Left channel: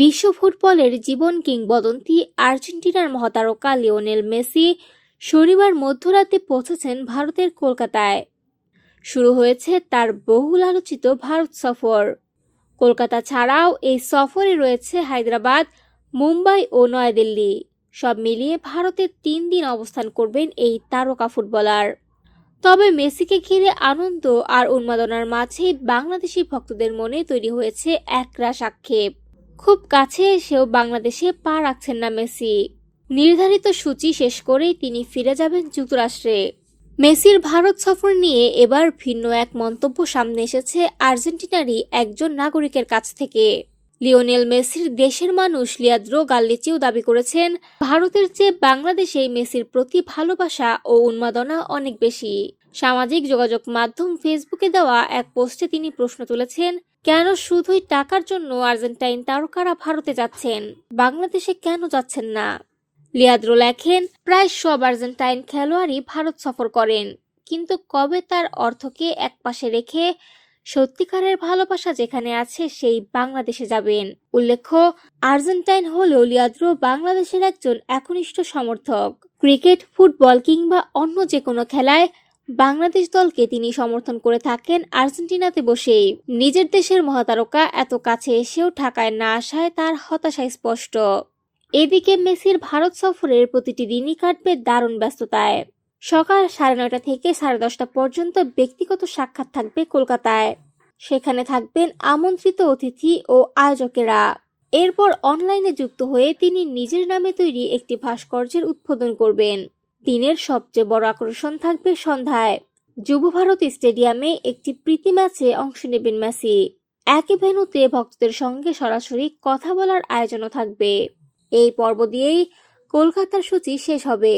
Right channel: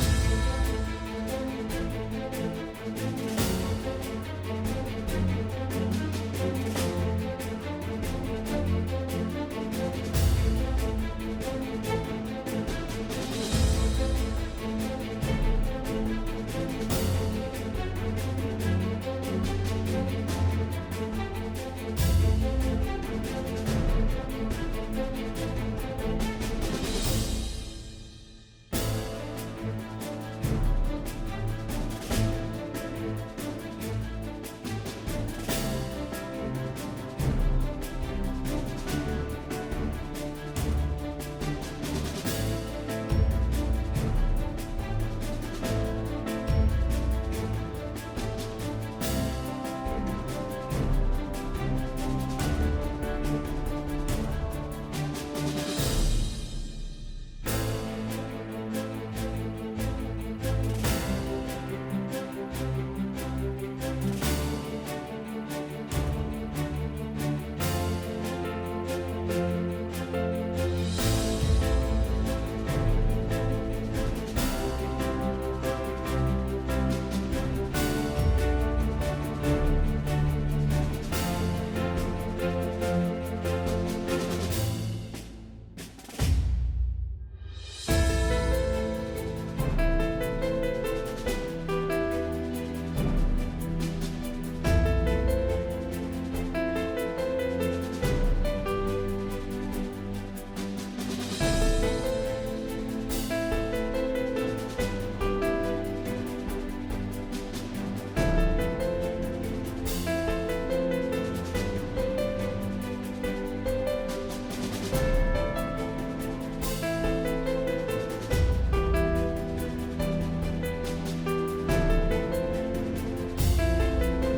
বিশ্ব ফুটবলের জীবন কিংবদন্তি আর্জেন্টিনার মহাতারকা লিওনেল মেসি শনিবার মধ্যরাতে পৌঁছেছেন ভারতের কলকাতায়। শুরু হয়েছে তার বহুল আলোচিত ভারত সফর। কলকাতা ছাড়াও এই সফরে রয়েছে হায়দ্রাবাদ, মুম্বাই ও নয়াদিল্লি। সব মিলিয়ে ভারতে 3 দিন অবস্থান করবেন এই তারকা ফুটবলার। তবে মেসিকে ঘিরে আনন্দ আর উন্মাদনার মাঝেই বাংলাদেশি ভক্তদের মনে তৈরি হয়েছে একরাশ আক্ষেপ। খুব কাছে এসেও বাংলাদেশে পা রাখছেন না মেসি। নির্ধারিত সূচি শেষ করেই তিনি ফিরে যাবেন যুক্তরাষ্ট্রে। মেসির ভারত সফর নিয়ে এবার ভিন্ন এক মন্তব্য সামনে এসেছে আর্জেন্টিনারই একজন নাগরিকের কাছ থেকে। লিওনেল মেসির দেশের মানুষ লিয়াদ্রো গাল্লিচিও দাবি করেছেন, ভারতের চেয়ে বাংলাদেশেই মেসির প্রতি ভালোবাসা ও উন্মাদনা অনেক বেশি। সামাজিক যোগাযোগ মাধ্যম ফেসবুকে দেওয়া এক পোস্টে তিনি প্রশ্ন তুলেছেন, কেন শুধুই টাকার জন্য আর্জেন্টাইন তারকারা ভারতে যাচ্ছেন, বাংলাদেশে কেন যাচ্ছেন না? লিয়াদ্রো লেখেন, প্রায় সব আর্জেন্টাইন খেলোয়াড়ই ভারত সফর করেন, কিন্তু কবে তার অর্থকে একপাশে রেখে সত্যিকারের ভালোবাসা যেখানে আছে সেই বাংলাদেশে যাবেন। উল্লেখ্য, আর্জেন্টাইন হলেও লিয়াদ্রো বাংলাদেশের একজন একনিষ্ঠ সমর্থক। ক্রিকেট, ফুটবল কিংবা অন্য যে কোনো খেলায় বাংলাদেশ দলকে তিনি সমর্থন করে থাকেন আর্জেন্টিনাতে বসেই। নিজের দেশের মহাতারকা এত কাছে এসেও ঢাকায় না আসায় তার হতাশা স্পষ্ট। এদিকে মেসির ভারত সফরের প্রতিটি দিনই কাটবে দারুণ ব্যস্ততায়। সকাল 9:30 থেকে 10:30 পর্যন্ত ব্যক্তিগত সাক্ষাৎ থাকবে কলকাতায়। সেখানে থাকবেন আমন্ত্রিত অতিথি ও আয়োজকেরা। এরপর অনলাইনে যুক্ত হয়ে তিনি নিজের নামে তৈরি একটি ভাস্কর্যের উদ্বোধন করবেন। দিনের সবচেয়ে বড় আকর্ষণ থাকবে সন্ধ্যায় যুব ভারতী স্টেডিয়ামে একটি প্রীতি ম্যাচে অংশ নেবেন মেসি। একই ভেন্যুতে ভক্তদের সঙ্গে সরাসরি কথা বলার আয়োজনও থাকবে। এই পর্ব দিয়েই কলকাতার সূচি শেষ হবে।